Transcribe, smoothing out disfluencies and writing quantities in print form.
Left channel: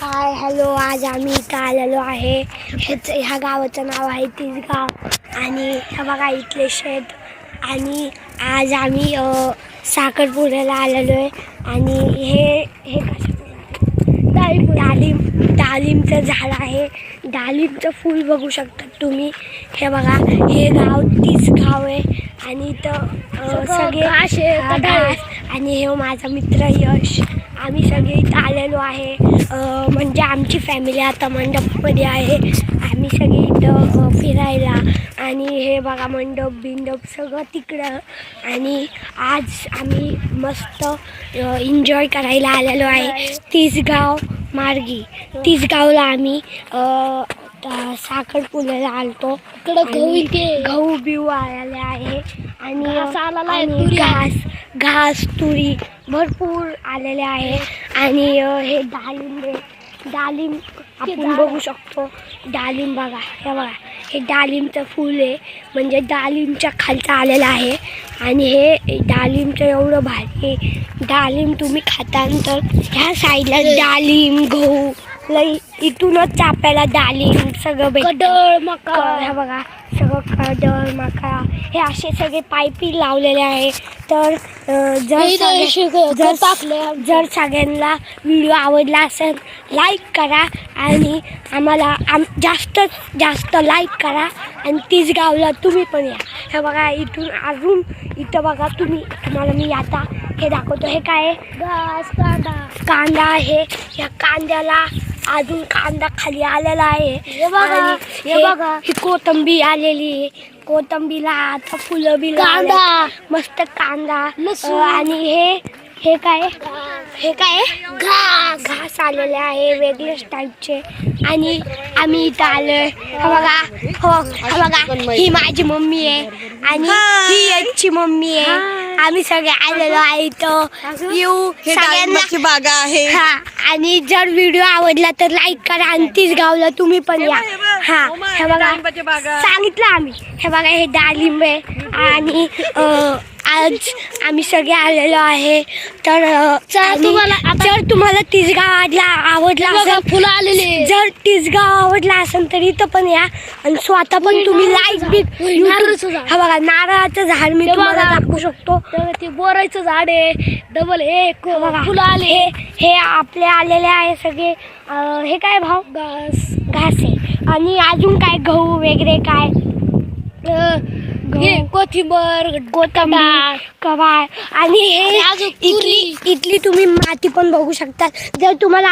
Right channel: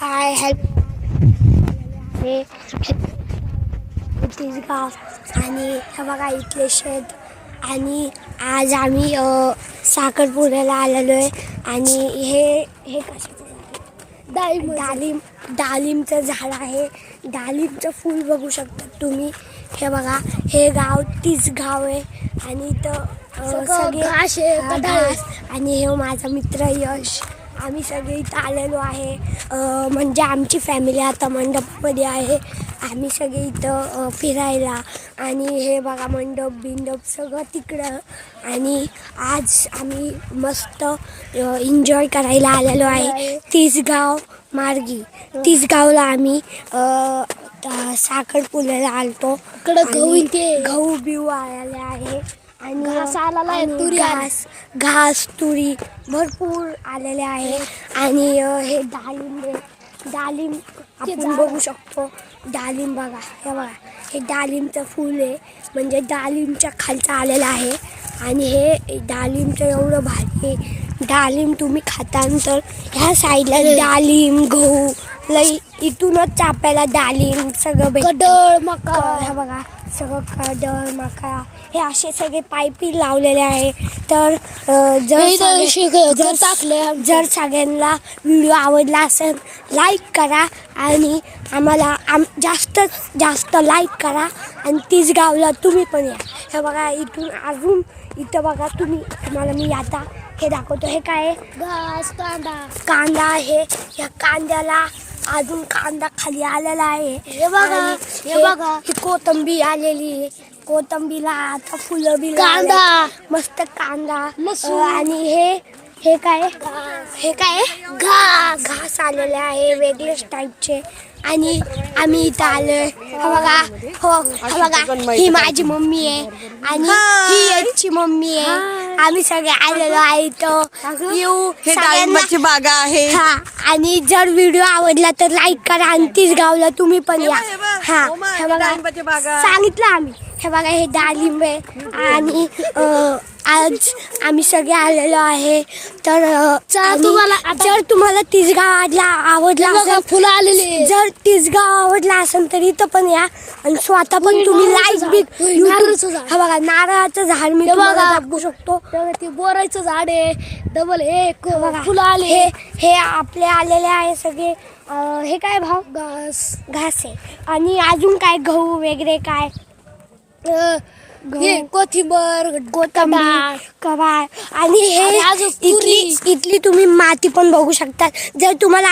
Hi hello, आज आम्ही इथं आलेलो आहे. ह्या गावाचं नाव आहे तिसगाव. आणि हे बघा इथले शेत. आणि आज आम्ही साखरपुड्याला आलेलो आहे. आणि हे डाळिंबचं झाड आहे. डाळिंबचं फूल बघू शकता तुम्ही. हे बघा, हे गाव तिसगाव आहे. आणि इथं सगळे घास. आणि हे माझा मित्र यश. आम्ही सगळे इथं आलेलो आहे. म्हणजे आमची फॅमिली आता मंडपमध्ये आहे. आम्ही सगळे इथं फिरायला. आणि हे बघा मंडप सगळं तिकडं. आणि आज आम्ही मस्त एन्जॉय करायला आलेलो आहे तिसगाव मार्गी. तिसगावला आम्ही साखरपुड्याला आलतो. गहू बिऊ आलेले आहे. आणि घास तुरी भरपूर आलेले आहे. आणि हे डाळिंब आपण बघू शकतो. डाळिंब बघा, हे बघा, हे डाळिंबचं फूल आहे. म्हणजे डाळिंबच्या खालचं आलेलं आहे. आणि हे डाळिंबचं एवढं भारी आहे. डाळिंब तुम्ही खातानंतर ह्या साईडला डाळिंब गहू लई इथूनच आपल्याला डाळिंब सगळं कडळ मका. हे बघा सगळं कडळ मका हे असे सगळे पाईपी लावलेले आहे. तर जर सगळ्यांना व्हिडिओ आवडला असेल लाईक करा. आणि आम्हाला जास्तीत जास्त लाईक करा. आणि तिसगावला तुम्ही पण या. हे बघा इथून अजून इथं बघा तुम्हाला मी आता हे दाखवतो. हे काय आहे? कांदा आहे. या कांद्याला अजून कांदा खाली आलेला आहे. हे बघा ही कोथिंबीर आलेली आहे. कोथिंबीरला आता फुलं बी कांदा मस्त कांदा. आणि हे काय घास आलेले आहे वेगळेच टाईपचे. आणि आम्ही इथं आलोय. बघा ही माझी मम्मी आहे. आणि ही याची मम्मी आहे. आम्ही सगळे आलेलो आहे इथं. येऊ सगळ्यांना आहे. आणि जर व्हिडिओ आवडला तर लाईक करा. आणि तिसगावला तुम्ही पण या. हे बघा सांगितलं आम्ही. हे बघा हे डाळिंब आहे. आणि आज आम्ही सगळे आलेलो आहे. तर जर तुम्हाला तिसगाव आवडला असेल, फुलं आलेले, जर तिसगाव आवडला असेल तर इथं पण या. आणि स्वतः पण तुम्ही लाईक बी. हा बघा नारळाचं झाड मी तुम्हाला दाखवू शकतो. ते बोराचं झाड आहे. डबल हे फुलं आले. हे आपले आलेले आहे सगळे. हे काय भाव घास आहे. आणि अजून काय गहू वगैरे काय कोथिंबीर कवाळ. आणि हे इथली तुम्ही माती पण बघू शकता. जर तुम्हाला